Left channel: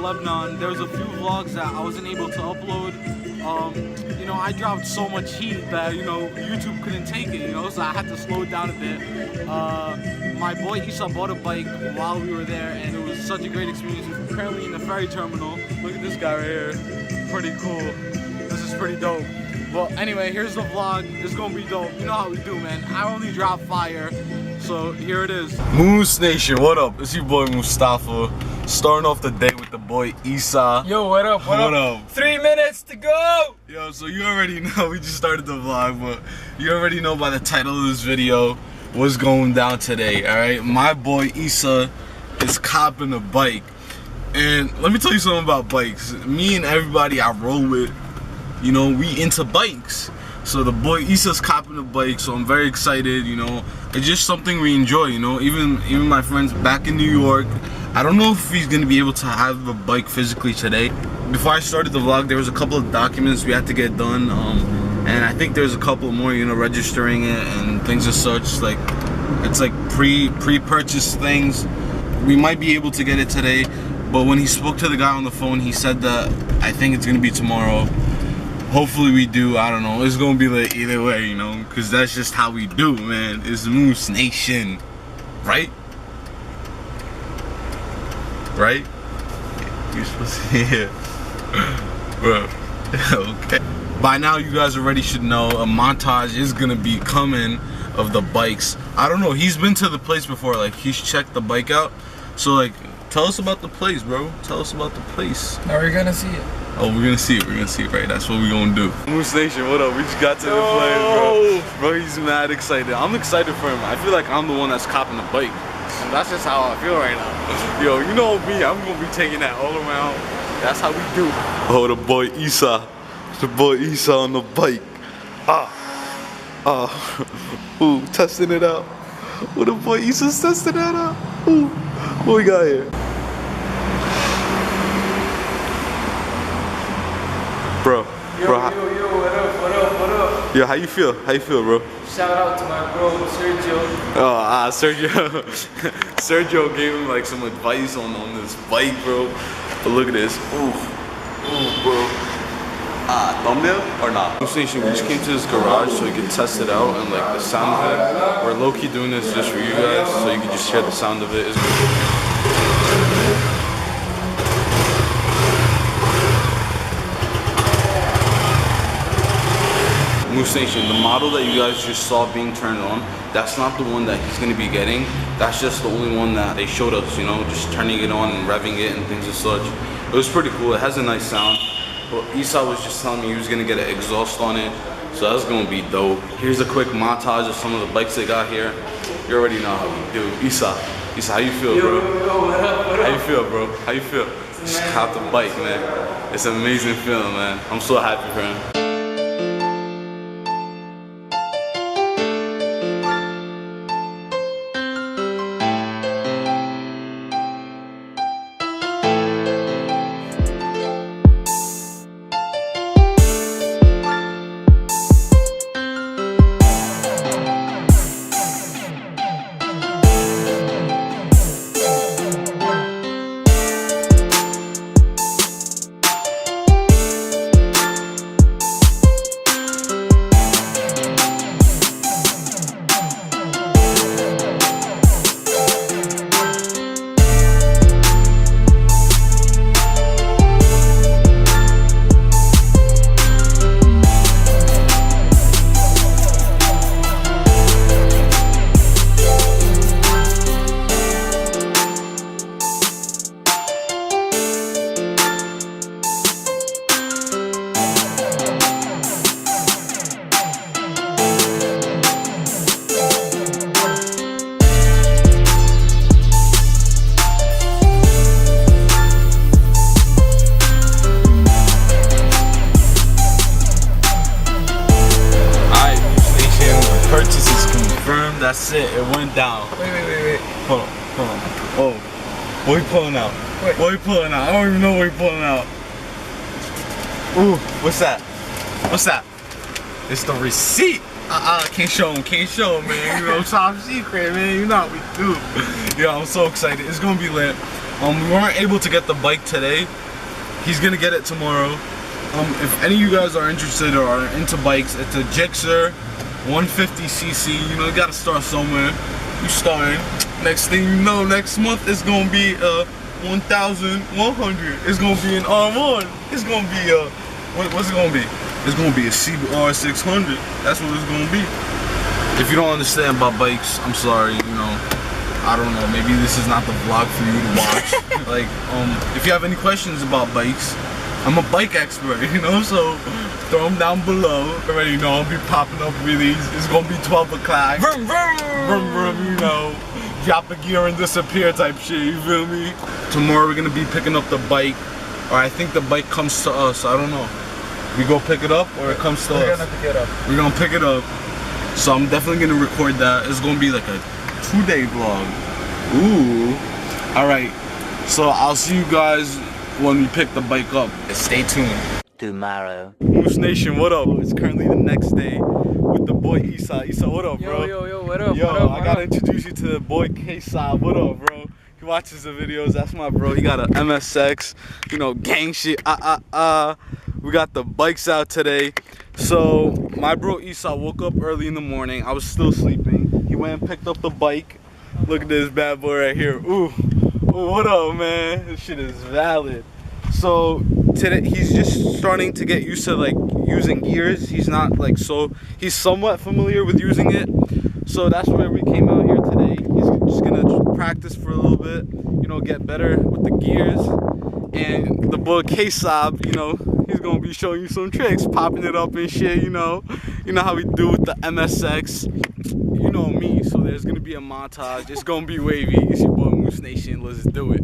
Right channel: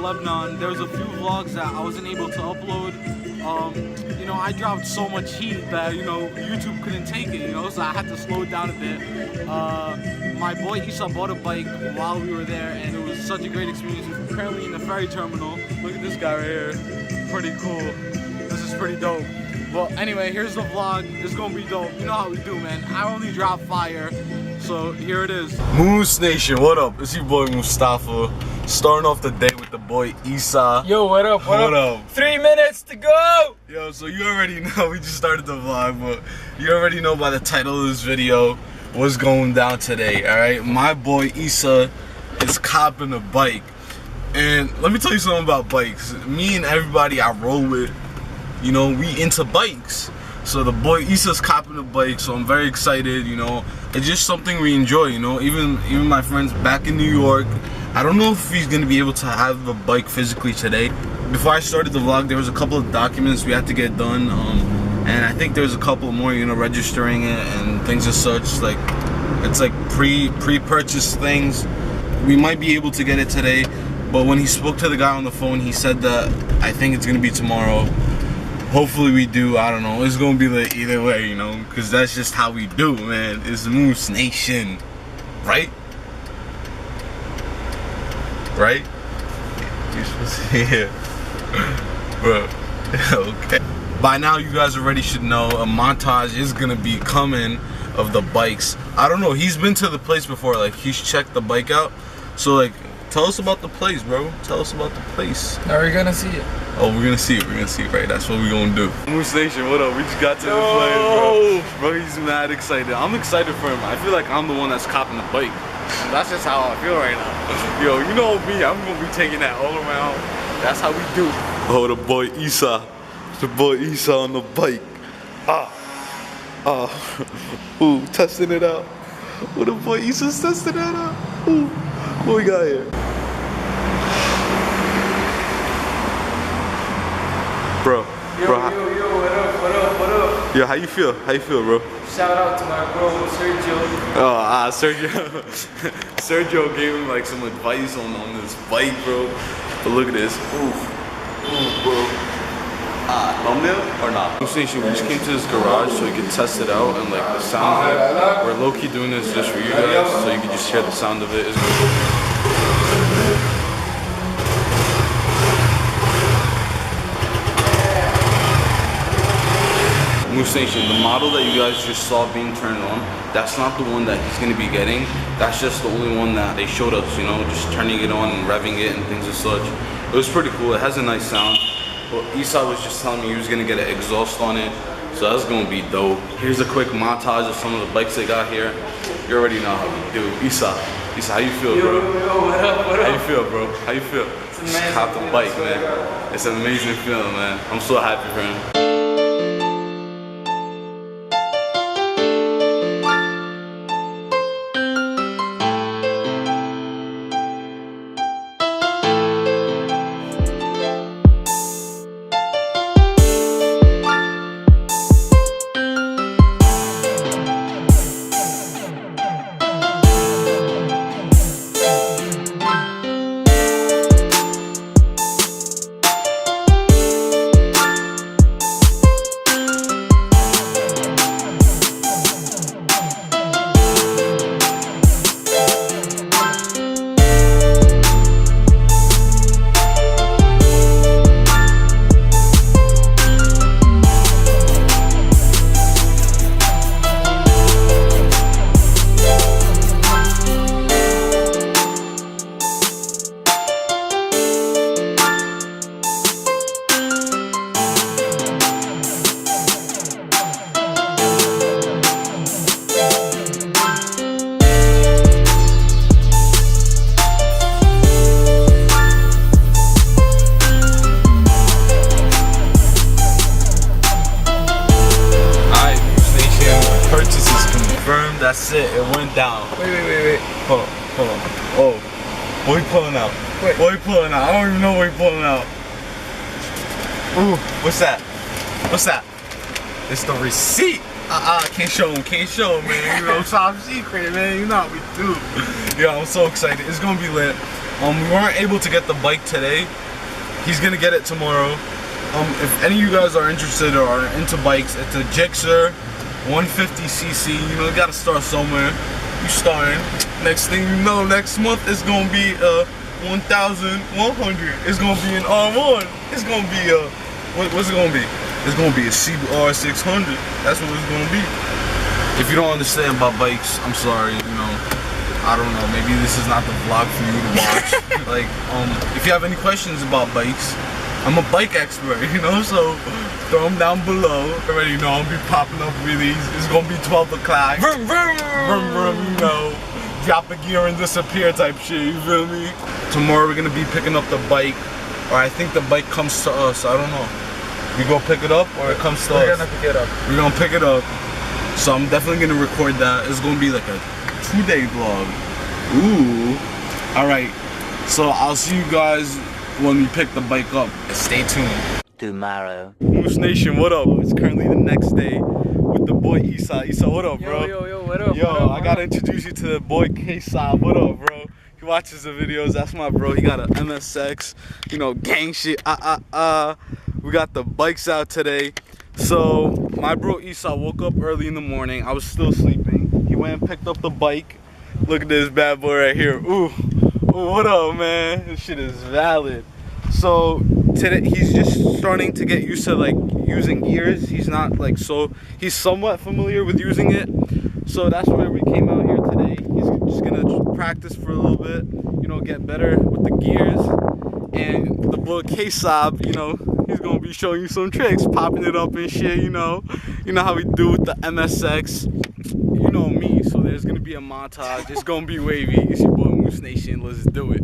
Lebanon, there was a few vlogs that I wasn't able to upload. You know, I dropped so much heat that, you know, YouTube couldn't take it, you know, so I had to slow it down a bit. My boy Isa bought a bike while we were there, and it was such a great experience. We're currently in the ferry terminal. Look at this guy right here. Pretty cool. This is pretty dope. Well, anyway, here's the vlog. It's gonna be dope. You know how we do, man. I only drop fire. So here it is. Moose Nation, what up? It's your boy Mustafa. Starting off the day with the boy Isa. Yo, what up? What up? 3 minutes to go! Yo, so you already know, we just started the vlog, but you already know by the title of this video what's going down today, alright? My boy Isa is copping a bike. And let me tell you something about bikes. Me and everybody I roll with, you know, we into bikes. So the boy Isa's copping a bike, so I'm very excited, you know. It's just something we enjoy, you know. Even my friends back in New York, I don't know if he's gonna be able to have a bike physically today. Before I started the vlog, there was a couple of documents we had to get done, and I think there's a couple more, you know, registering it and things as such. Like, it's like pre-purchase things. We might be able to get it today, but when he spoke to the guy on the phone, he said that I think it's gonna be tomorrow. Hopefully we do, I don't know. It's gonna be like either way, you know, because that's just how we do, man. It's Moose Nation, right? Right? You're supposed to hear. Bro, okay. By now you guys already should know a montage is gonna be coming of the bikes. I don't know, he's been to the place before, like he's checked the bike out. So like, tell us about the place, bro. Tell us about the place. Are we gonna see it? Oh, we're gonna see it, right? That's what we're gonna do. Moose Nation, what up? We just got to the place, bro. Bro, he's mad excited. I'm excited for him. I feel like I'm the one that's copping the bike. And that's just how I feel right now. Yo, you know me, I'm gonna be taking that all around. That's how we do. Oh, the boy Isa. The boy Isa on the bike. Ooh, testing it out. Oh, the boy Isa's testing that out. Ooh, what we got here? Bro, yo, what up? Yo, how you feel, bro? Shout out to my bro, Sergio. Oh, Sergio. Sergio gave him like some advice on this bike, bro. But look at this. Ooh, bro. Thumbnail or not? Moose Nation, we just came to this garage so we could test it out and like the sound of it. We're low-key doing this just for you guys, so you can just hear the sound of it. It's Moose Nation, the model that you guys just saw being turned on, that's not the one that he's going to be getting. That's just the only one that they showed us, you know, just turning it on and revving it and things as such. It was pretty cool. It has a nice sound. But Isa was just telling me he was going to get an exhaust on it, so that's going to be dope. Here's a quick montage of some of the bikes they got here. You already know how we do. Isa, how you feel, bro? Yo, what up? How you feel, bro? How you feel? Just cop the bike, man. It's an amazing feeling, man. I'm so happy for him. That's it, it went down. Wait. Hold on. Oh, what are we pulling out? Wait. What are we pulling out? I don't even know what we're pulling out. Ooh, what's that? It's the receipt. Can't show him, man. You know, top secret, man. You know how we do. Yo, I'm so excited. It's gonna be lit. We weren't able to get the bike today. He's gonna get it tomorrow. If any of you guys are interested or are into bikes, it's a Gixxer 150cc. You know, you gotta start somewhere. You starting. Next thing you know, next month it's gonna be 1,100. It's gonna be an R1. It's gonna be what's it gonna be? It's gonna be a CBR 600. That's what it's gonna be. If you don't understand about bikes, I'm sorry. You know, I don't know. Maybe this is not the vlog for you to watch. Like, if you have any questions about bikes, I'm a bike expert. You know, so throw them down below. Already know I'll be popping up with these. It's gonna be 12 o'clock. Vroom vroom vroom vroom. You know, drop a gear and disappear type shit. You feel me? Tomorrow we're gonna be picking up the bike, or I think the bike comes to us. I don't know. We go pick it up or it comes to us? We're gonna pick it up. We're gonna pick it up. So I'm definitely gonna record that. It's gonna be like a 2-day vlog. Ooh. Alright. So I'll see you guys when we pick the bike up. Stay tuned. Tomorrow. Moose Nation, what up? It's currently the next day with the boy Isa. Isa, what up, bro? Yo, what up? Yo, what up, I gotta introduce you to the boy K-Saab. What up, bro? He watches the videos. That's my bro. He got a MSX, you know, gang shit. We got the bikes out today. So my bro Isa woke up early in the morning. I was still sleeping. He went and picked up the bike. Look at this bad boy right here. Ooh, what up, man? This shit is valid. So today he's just starting to get used to like using gears. He's not like he's somewhat familiar with using it. So that's where we came out here today. He's just gonna practice for a little bit, you know, get better with the gears. And the boy K-Saab, you know, he's gonna be showing you some tricks, popping it up and shit, you know how we do with the MSX. You know me, so there's gonna be a montage. It's gonna be wavy. It's your boy Moose Nation. Let's do it.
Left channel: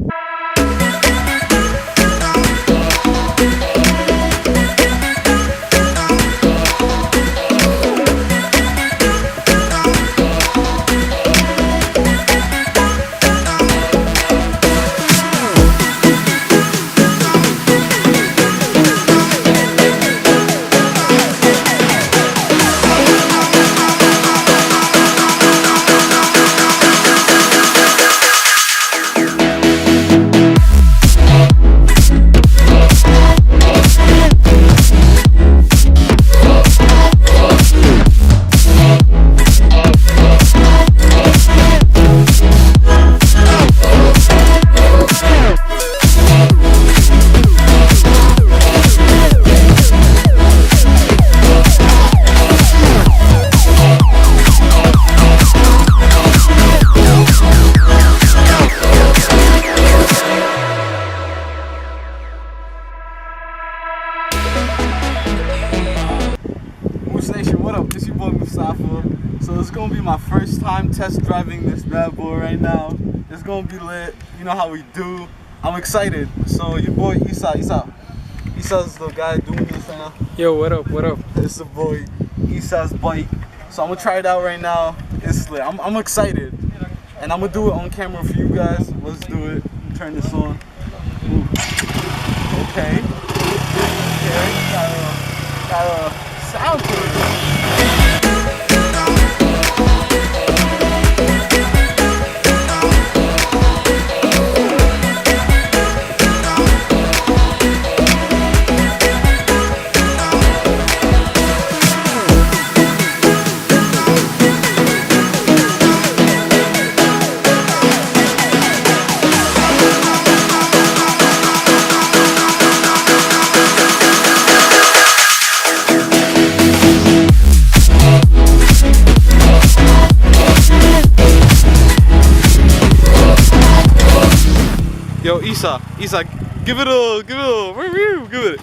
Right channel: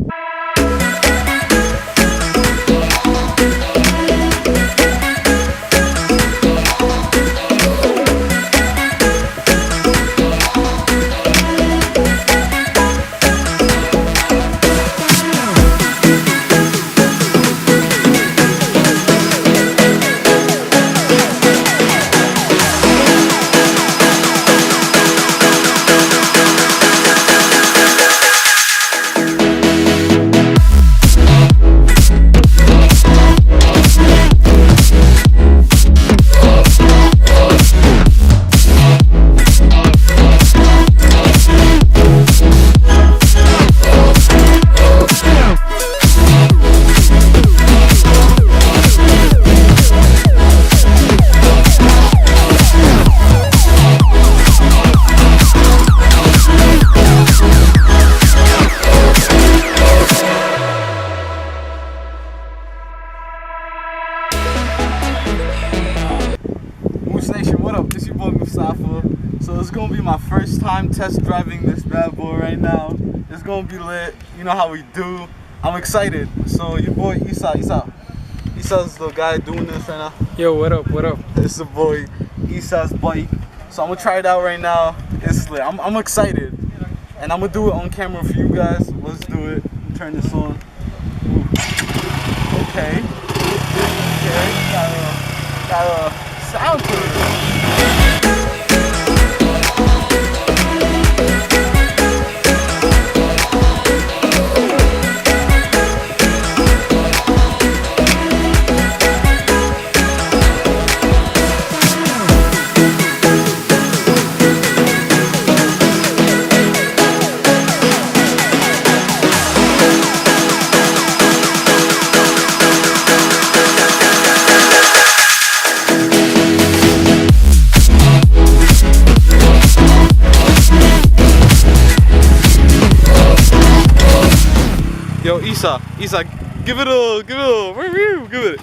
Moose Nation, what up? It's your boy Mustafa. So it's gonna be my first time test driving this bad boy right now. It's gonna be lit. You know how we do. I'm excited. So your boy Isa's the guy doing this right now. Yo, what up? It's the boy Isa's bike. So I'm gonna try it out right now. It's lit. I'm excited. And I'm gonna do it on camera for you guys. Let's do it. Turn this on. Ooh. Okay. Got a sound to it. Yo, Isa, give it a review, give it.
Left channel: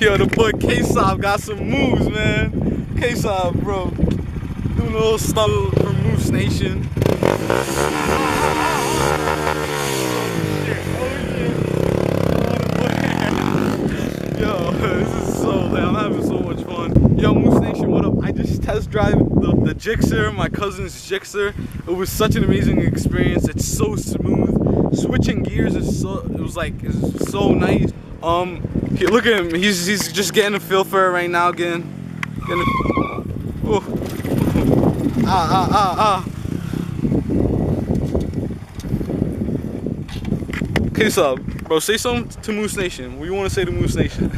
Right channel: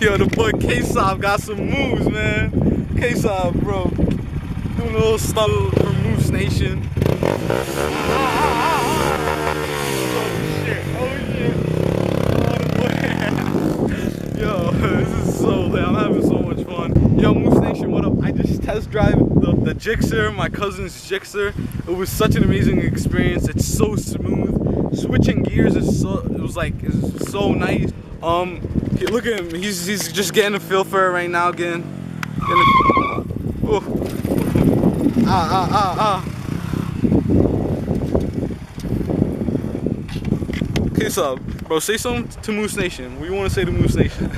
Yo, the boy K-Saab got some moves, man. K-Saab, bro, doing a little stunt for Moose Nation. Yo, this is so lit. I'm having so much fun. Yo, Moose Nation, what up? I just test drive the Gixxer, my cousin's Gixxer. It was such an amazing experience. It's so smooth. Switching gears is so so nice. Look at him. He's just getting a feel for it right now. Okay, so bro, say something to Moose Nation. What do you want to say to Moose Nation?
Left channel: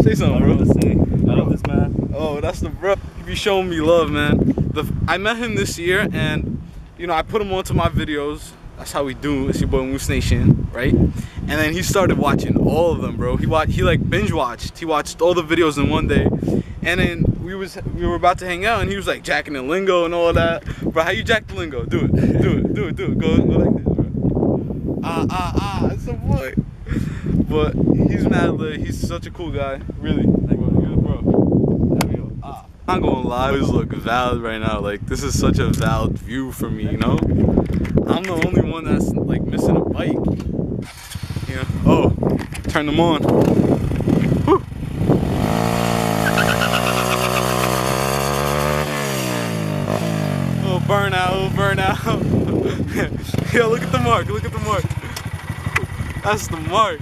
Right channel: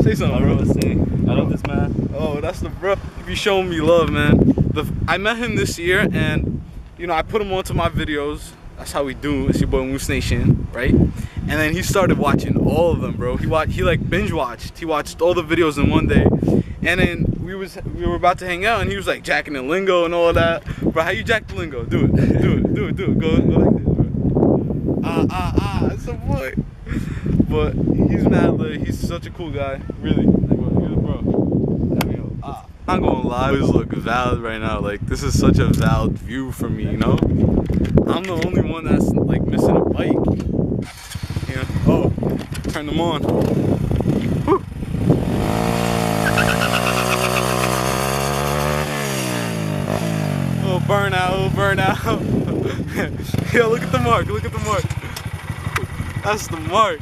Say something, bro. I want to say, I love this man. Oh, that's the bro. You be showing me love, man. I met him this year, and you know, I put him onto my videos. That's how we do. It's your boy Moose Nation, right? And then he started watching all of them, bro. He like binge watched. He watched all the videos in one day. And then we were about to hang out, and he was like jacking the lingo and all that. Bro, how you jack the lingo? Do it. Do it. Go like this, bro. It's a boy. But he's mad lit. He's such a cool guy, really. Bro, you're the bro. I'm gonna lie, I always look valid right now. Like, this is such a valid view for me, you know? I'm the only one that's like missing a bike. You know? Oh, turn them on. Woo. Oh, burnout. Yo, look at the mark. That's the mark.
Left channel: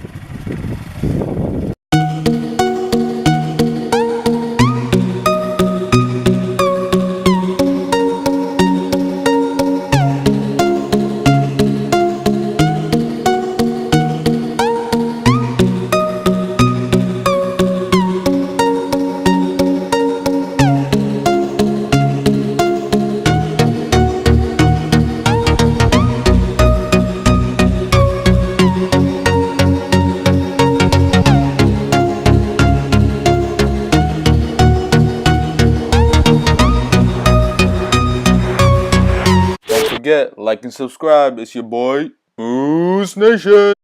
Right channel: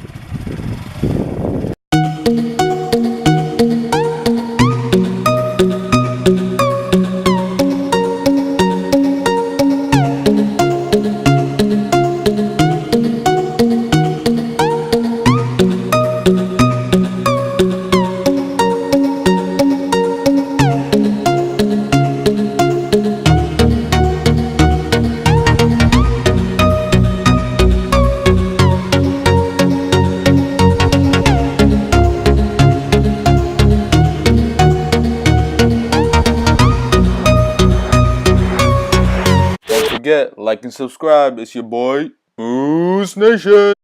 Don't forget, like and subscribe. It's your boy, Moose Nation.